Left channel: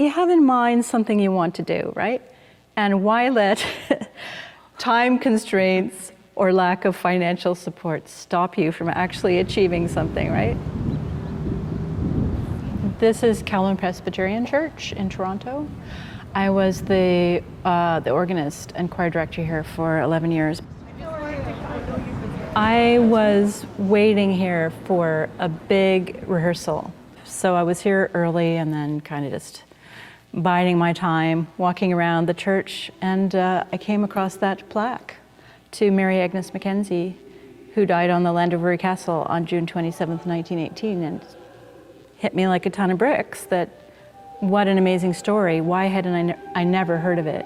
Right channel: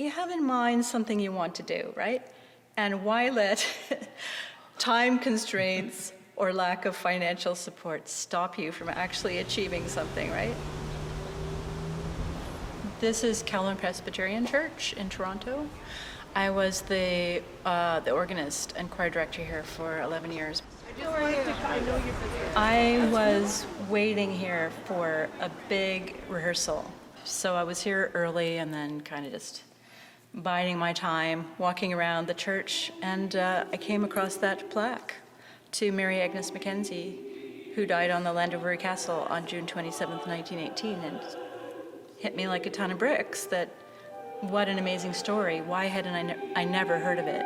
you have in mind something you want to do, right? And why let time constraints or lack of financial support stop you from actually achieving something, right? This is Calvin Presbyterian Church in Toronto. I was the organist and choir director here for 11 years. I was waiting here for a big rehearsal. So I was here early and then kind of just biding my time, walking around the church, and I came across that plaque to Mary Agnes Mackenzie, who died on the Llandovery Castle on June 27th, 1918, and hit me like a ton of bricks that what an amazing story. Why hadn't I never heard of it?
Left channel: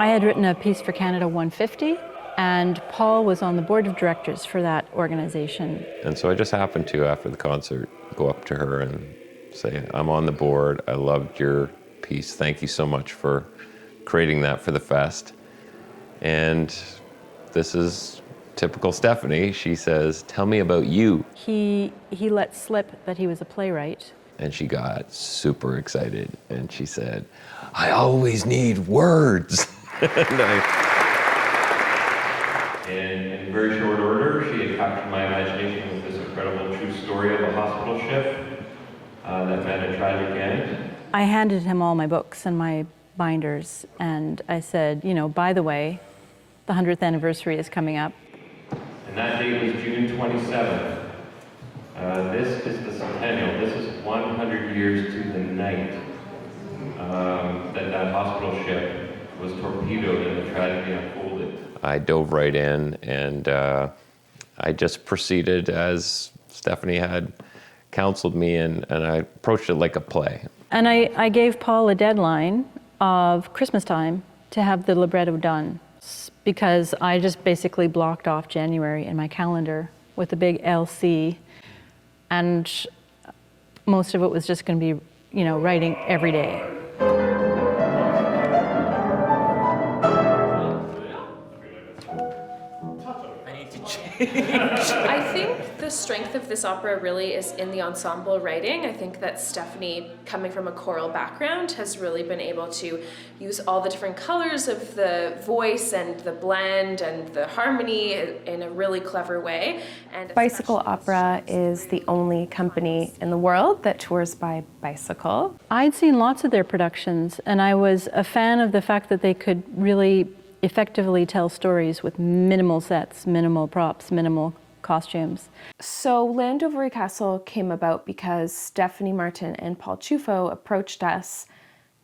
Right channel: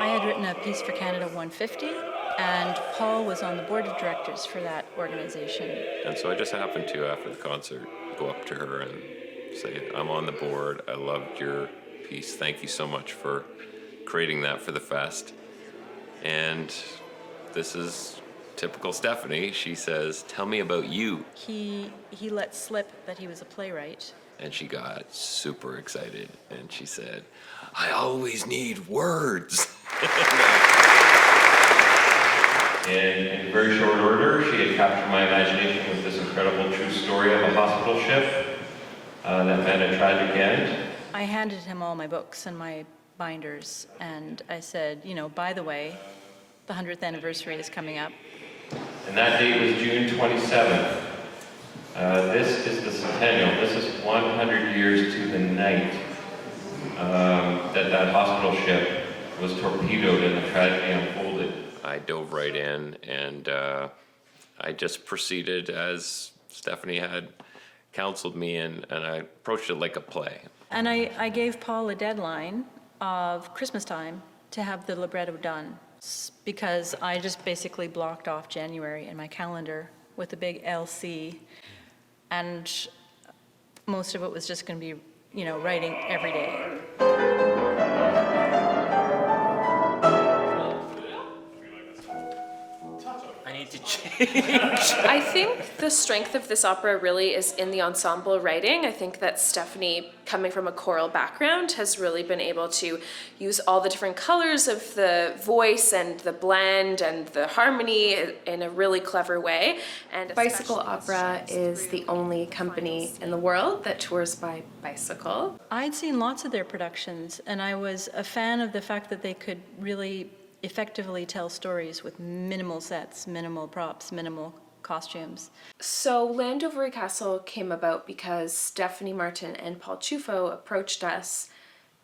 I had written a piece for Canada 150, and Paul was on the board of directors for that organization. And so I just happened to, after the concert, go up to her and say, I'm on the board, I loved your piece, thank you so much for creating that for the fest. And this is typical Stephanie. She says, tell me about you. He let slip that he was a playwright. And she got super excited, and she said, I always need words. And in very short order, she had captured my imagination with this incredible true story of a hospital ship that met a tragic end. I handed him all my books and my binders, and I said, you know, by the way, the 100th anniversary is coming up. And that date was June 27th. This is the centennial. This is 100 years to the night that hospital ship was torpedoed and the tragedy unfolded. I dove right in, and I just proceeded as Stephanie had counseled me, and I approached it like a play. And I gave Paul a deadline of Christmas time to have the libretto done, because I just basically blocked off January in my calendar with a big LC, and most of it was just going to be, you know, writing every day. I think the strength of this opera really is in the ensemble writing. I think that Stephanie, coming from a choral background, has really been able to use all the different colors of the voice and the blend and the harmony in a really clever way. And Bicycle Opera is the only company in the world that tours by bicycle. I'd seen lots of their productions, and I was a fan of the fact that they could really effectively tell stories with minimal sets, minimal props, minimal costumes. So Llandovery Castle came about because Stephanie Martin and Paul Ciufo approached us.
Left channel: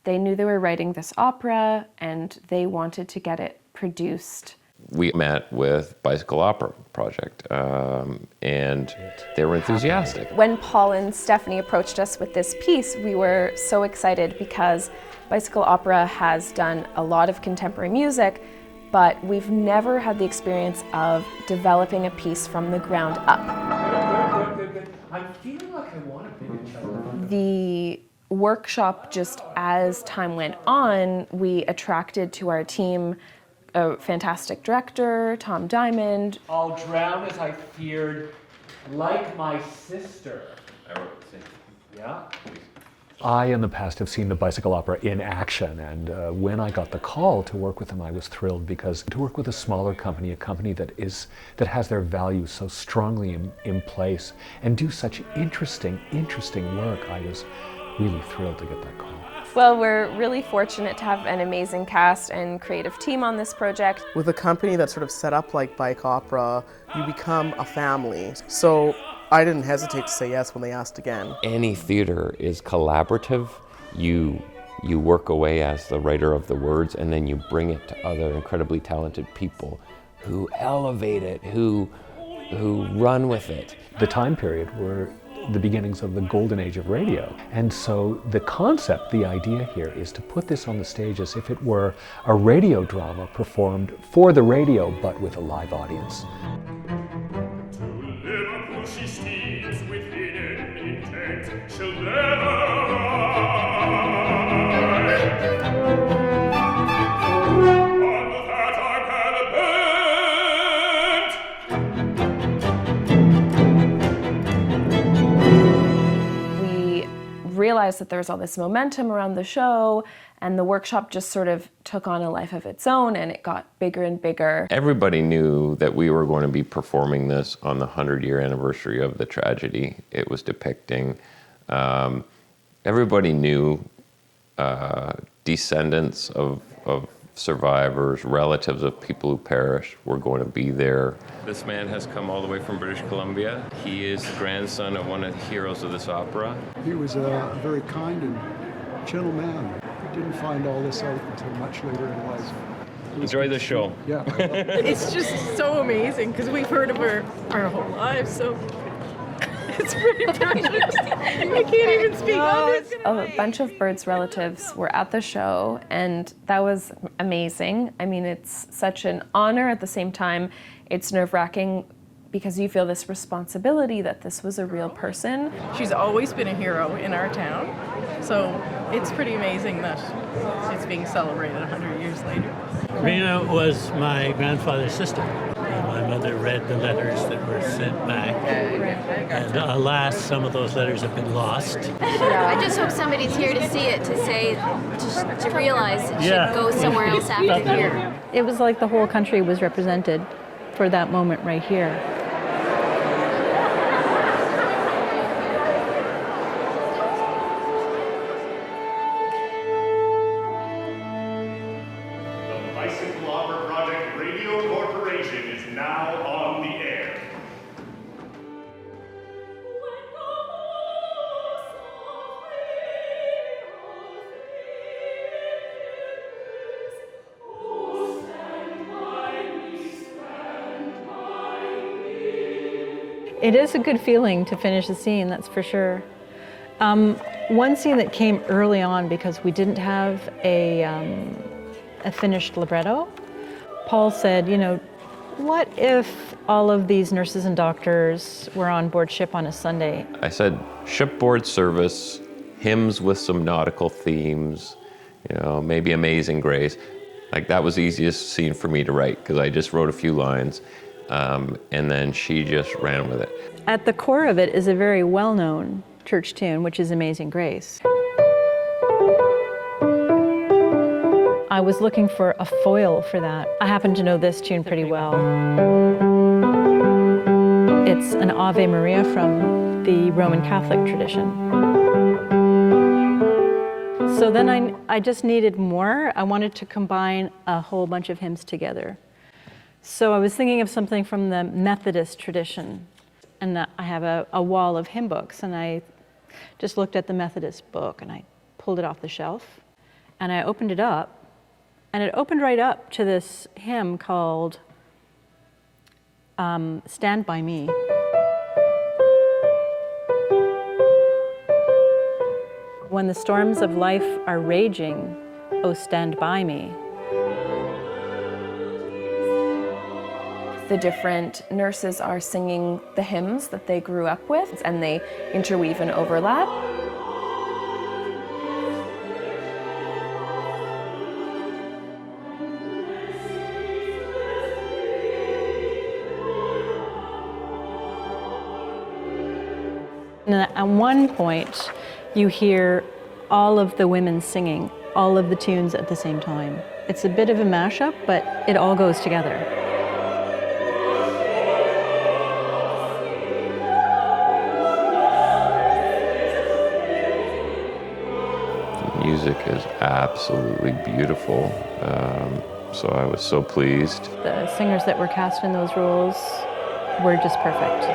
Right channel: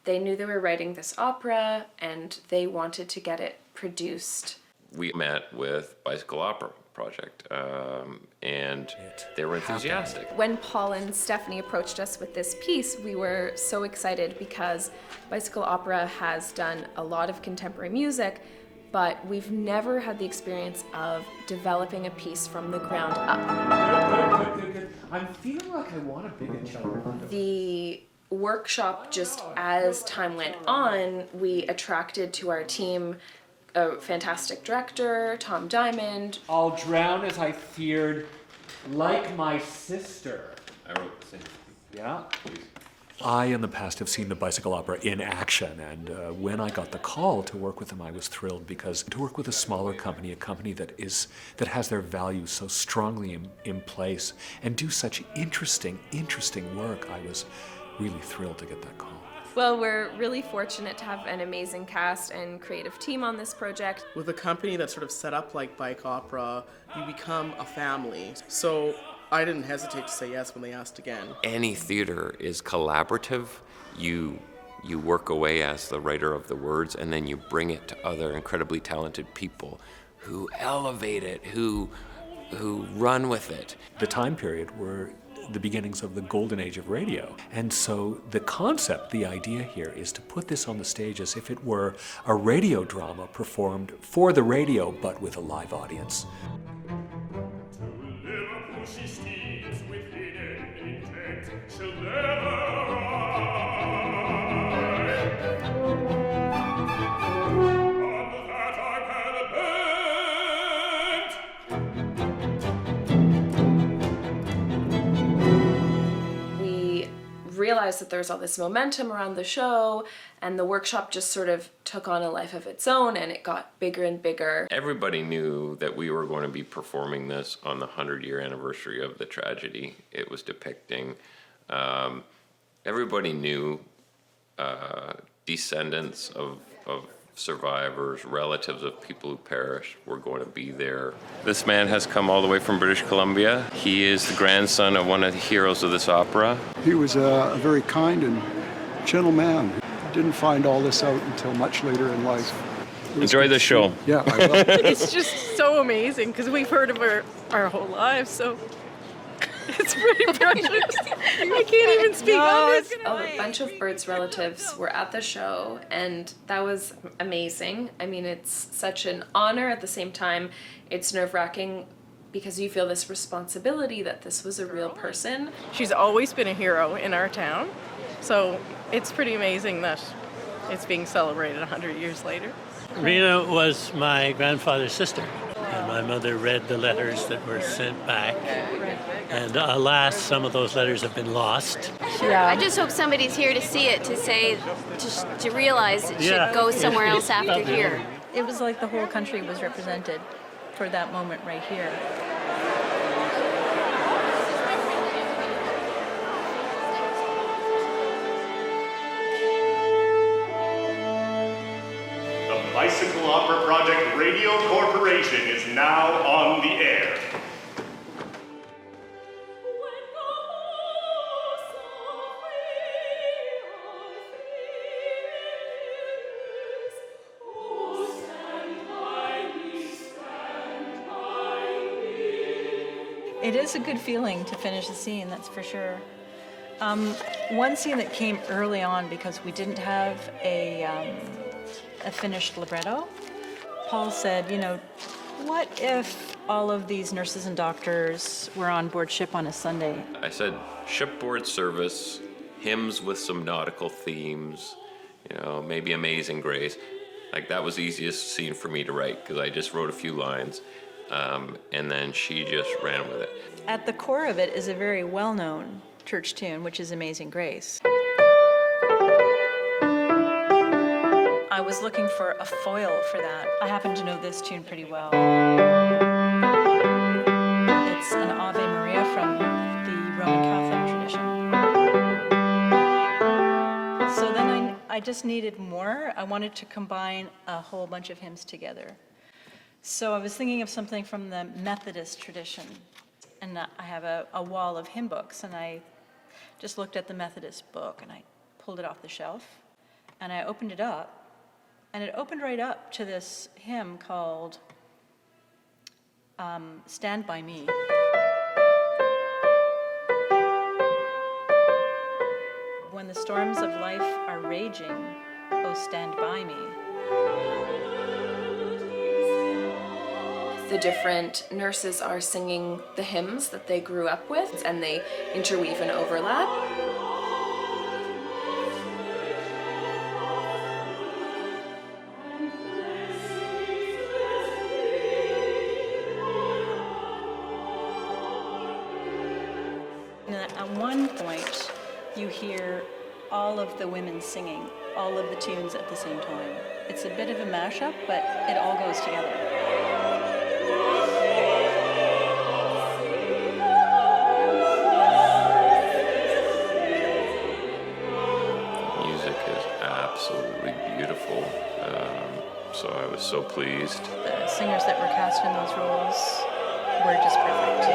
They knew they were writing this opera and they wanted to get it produced. We met with Bicycle Opera Project, and they were enthusiastic. When Paul and Stephanie approached us with this piece, we were so excited because Bicycle Opera has done a lot of contemporary music, but we've never had the experience of developing a piece from the ground up. I'm feeling like I want to be. The workshop, just as time went on, we attracted to our team a fantastic director, Tom Diamond. I'll drown as I feared, like my sister. I wrote the same. Yeah? I, in the past, have seen the Bicycle Opera in action, and when I got the call to work with them, I was thrilled, because to work with a smaller company, a company that has their values so strongly in place, and do such interesting work, I was really thrilled to get that call. Well, we're really fortunate to have an amazing cast and creative team on this project. With a company that's sort of set up like Bike Opera, you become a family. So I didn't hesitate to say yes when they asked again. Any theater is collaborative. You you work away as the writer of the words, and then you bring it to other incredibly talented people who elevate it, who run with it. The time period were the beginnings of the golden age of radio. And so the concept, the idea here is to put this on the stage as if it were a radio drama performed for the radio, but with a live audience. Realized that there was all this momentum around the show, and the workshop just sort of took on a life of its own, and it got bigger and bigger. Everybody knew that we were going to be performing this on the 100-year anniversary of the tragedy it was depicting. Everybody knew descendants of survivors, relatives of people who perished were going to be there. This man has come all the way from British Columbia. He is the grandson of one of the heroes of this opera. He was a very kind and gentle man. Didn't find all this out until much later in life. Enjoy the show. Yeah, I will. It's just so amazing because we've heard of her our whole lives, so it's pretty precious. I can't even speak. A bunch of Bird's relatives were at the show, and that was amazing. I mean, it's such an honor. At the same time, it's nerve-wracking because you feel this responsibility that this was a real person. She's always been a hero in our town, so it's pretty amazing that she's being celebrated 100 years later. Rena was my grandfather's sister, and my mother read the letters that were sent back, and alas, some of those letters have been lost. I just hope somebody's here to see it, to say, to realize it should go somewhere else after here. It was like the whole country was represented for that moment right here. The Bicycle Opera Project Radio Corporation is now on the air. It is a good feeling to finish the scene, that's for sure. One scene that came early on because we didn't have a finished libretto, Paul said, you know, what if all of these nurses and doctors were on board ship on a Sunday? I said shipboard service, hymns with some nautical themes, you know, maybe Amazing Grace. Like that was the easiest scene for me to write because I just wrote a few lines. And then she just ran with it. At the core of it is a very well-known church tune, which is Amazing Grace. I was looking for a foil for that. I happen to know this tune pretty well. It's an Ave Maria from the Roman Catholic tradition. So then I just needed more. I wanted to combine a whole bunch of hymns together. So I was thinking of something from the Methodist tradition, and I have a wall of hymn books, and I just looked at the Methodist book, and I pulled it off the shelf, and I opened it up, and it opened right up to this hymn called Stand By Me. When the storms of life are raging, oh, stand by me. The different nurses are singing the hymns that they grew up with, and they interweave and overlap. And at one point, you hear all of the women singing all of the tunes at the same time. It's a bit of a mashup, but it all goes together. The music is absolutely beautiful, so I was so pleased. The singers that were cast in those roles were just perfect.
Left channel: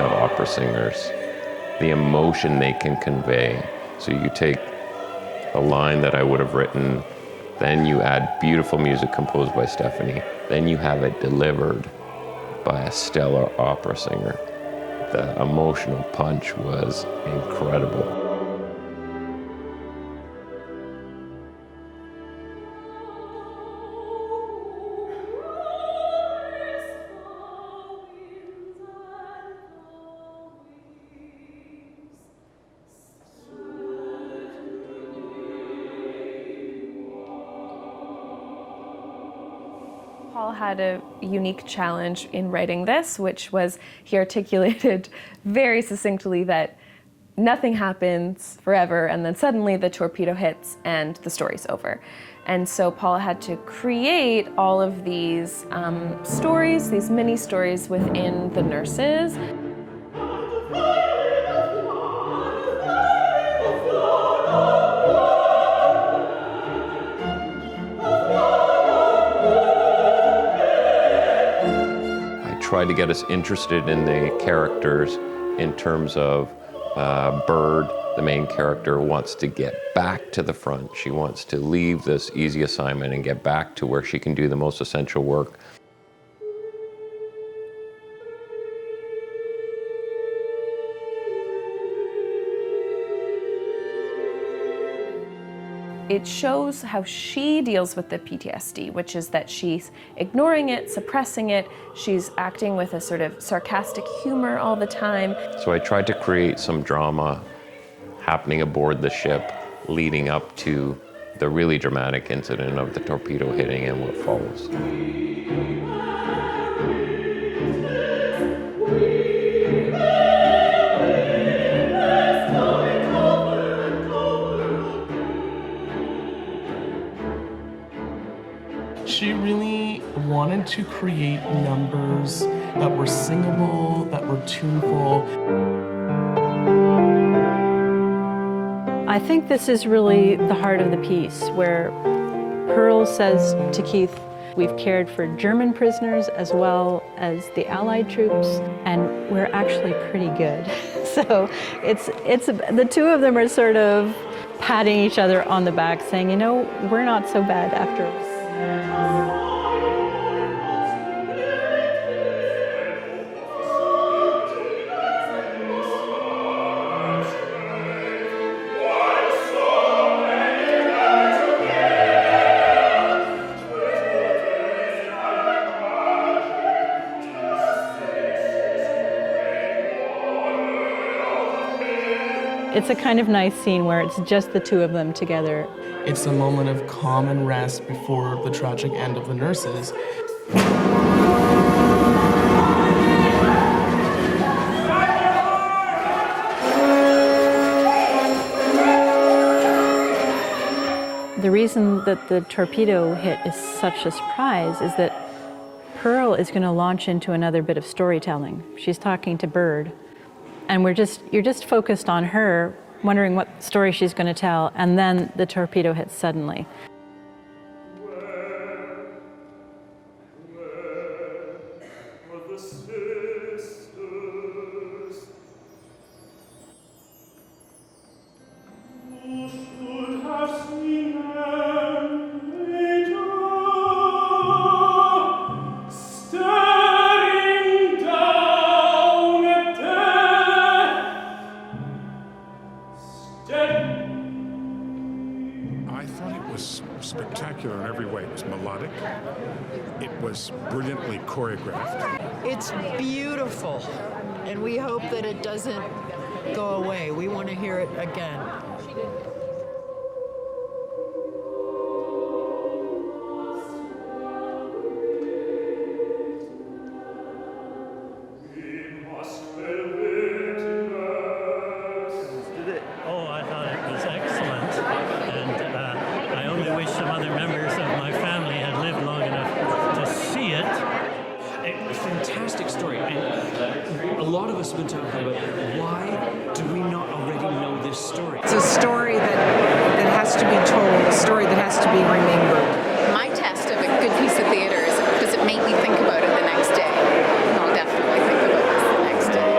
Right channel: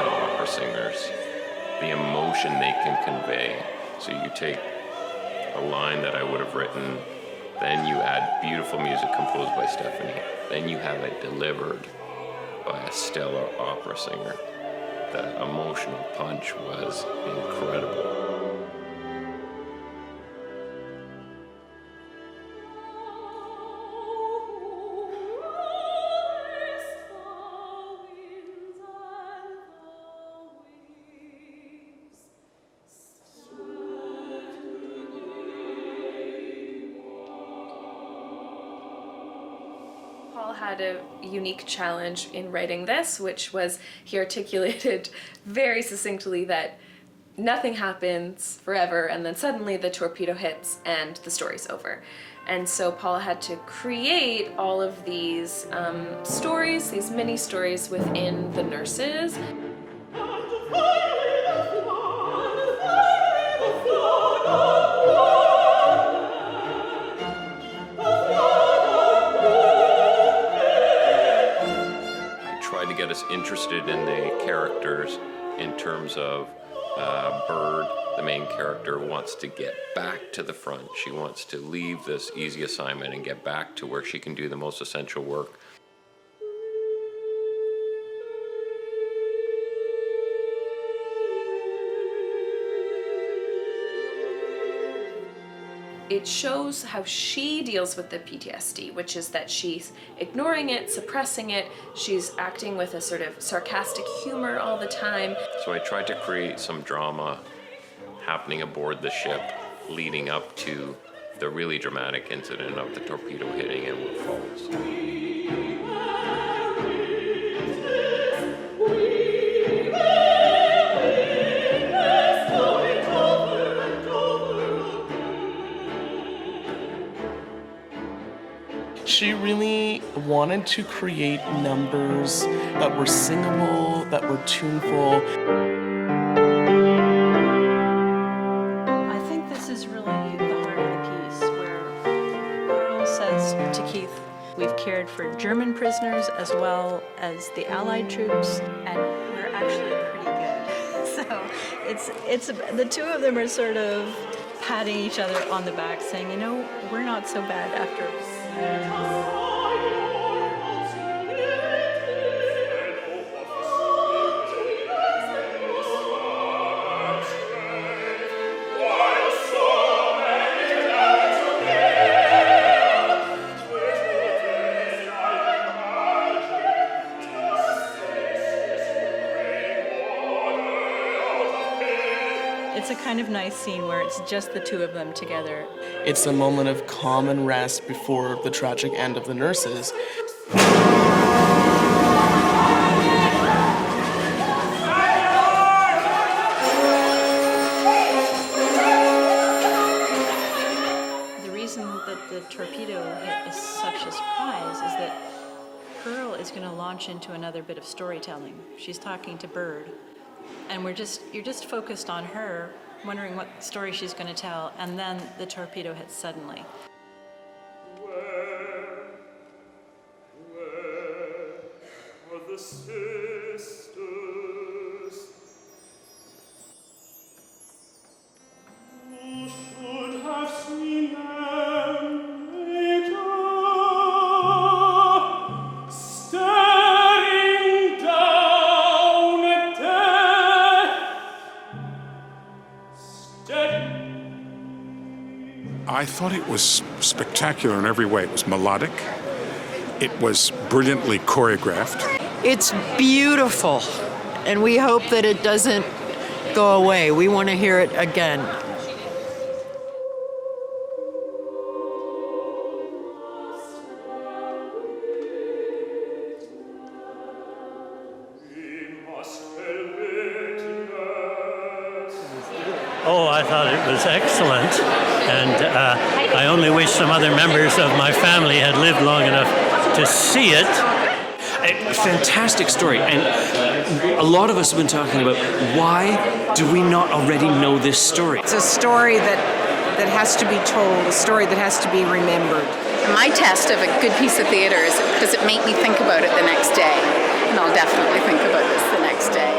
speaking of opera singers, the emotion they can convey. So you take a line that I would have written, then you add beautiful music composed by Stephanie, then you have it delivered by a stellar opera singer. The emotional punch was incredible. Paul had a unique challenge in writing this, which was he articulated very succinctly that nothing happens forever and then suddenly the torpedo hits and the story's over. And so Paul had to create all of these stories, these mini stories within the nurses. Tried to get us interested in the characters in terms of Bird, the main character, wants to get back to the front. She wants to leave this easy assignment and get back to where she can do the most essential work. It shows how she deals with the PTSD, which is that she's ignoring it, suppressing it, she's acting with a sort of sarcastic humor all the time. So I tried to create some drama happening aboard the ship leading up to the really dramatic incident of the torpedo hitting and what follows. She really wanted to create numbers that were singable, that were tuneful. I think this is really the heart of the piece, where Pearl says to Keith, we've cared for German prisoners as well as the Allied troops, and we're actually pretty good. So it's the two of them are sort of patting each other on the back, saying, you know, we're not so bad after all. It's a kind of nice scene where it's just the two of them together. It's a moment of calm and rest before the tragic end of the nurses. The reason that the torpedo hit is such a surprise is that Pearl is going to launch into another bit of storytelling. She's talking to Bird. And you're just focused on her, wondering what story she's going to tell, and then the torpedo hits suddenly. I thought it was spectacular in every way. It was melodic. It was brilliantly choreographed. It's beautiful, and we hope that it doesn't go away. We want to hear it again. Oh, I thought it was excellent, and I only wish some other members of my family had lived long enough to see it. A fantastic story, and a lot of us have been talking about why do we not already know this story? It's a story that has to be told, a story that has to be written. My test of a good piece of theater is, does it make me think about it the next day? I'll definitely think about it the next day.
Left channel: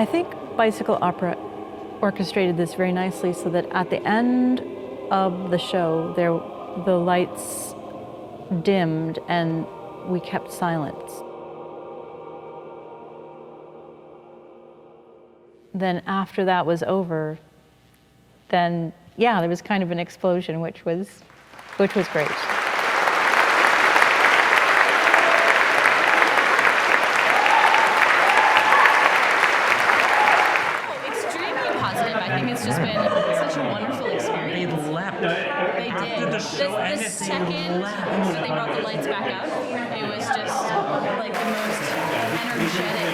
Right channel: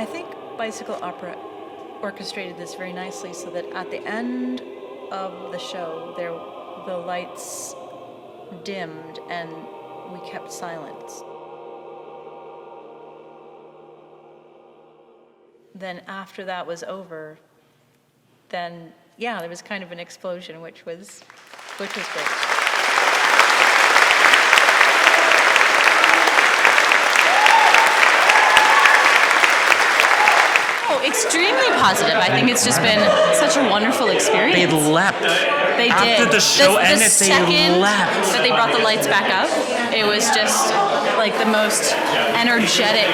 I think Bicycle Opera orchestrated this very nicely so that at the end of the show, the lights dimmed and we kept silence. Then after that was over, then yeah, there was kind of an explosion, which was great. Extremely positive. I think it's just been such a wonderful experience. They leapt. They did. After the show the ended, second they leapt. that they brought the lights back up, it was just like the most energetic.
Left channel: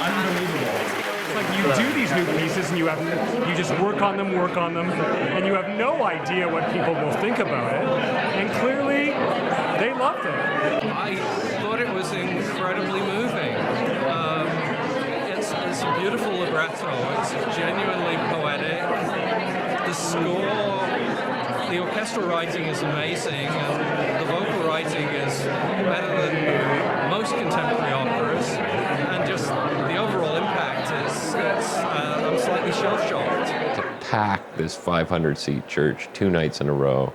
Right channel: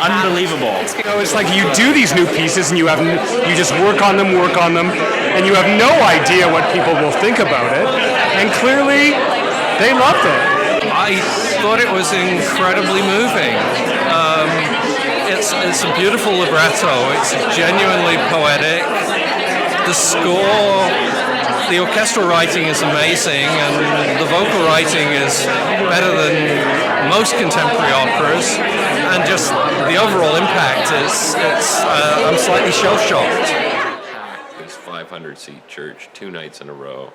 Unbelievable. It's like you do these new pieces and you just work on them, and you have no idea what people will think about it. And clearly, they loved it. I thought it was incredibly moving. It's a beautiful libretto. It's genuinely poetic. The score, the orchestral writing is amazing, and the vocal writing is better than most contemporary operas. And just the overall impact is, I'm slightly shell-shocked. Pack this 500-seat church 2 nights in a row,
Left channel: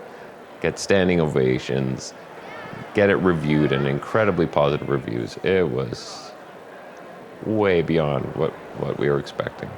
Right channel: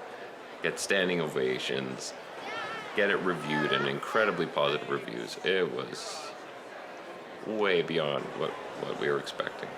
get standing ovations, get it reviewed and incredibly positive reviews. It was way beyond what we were expecting.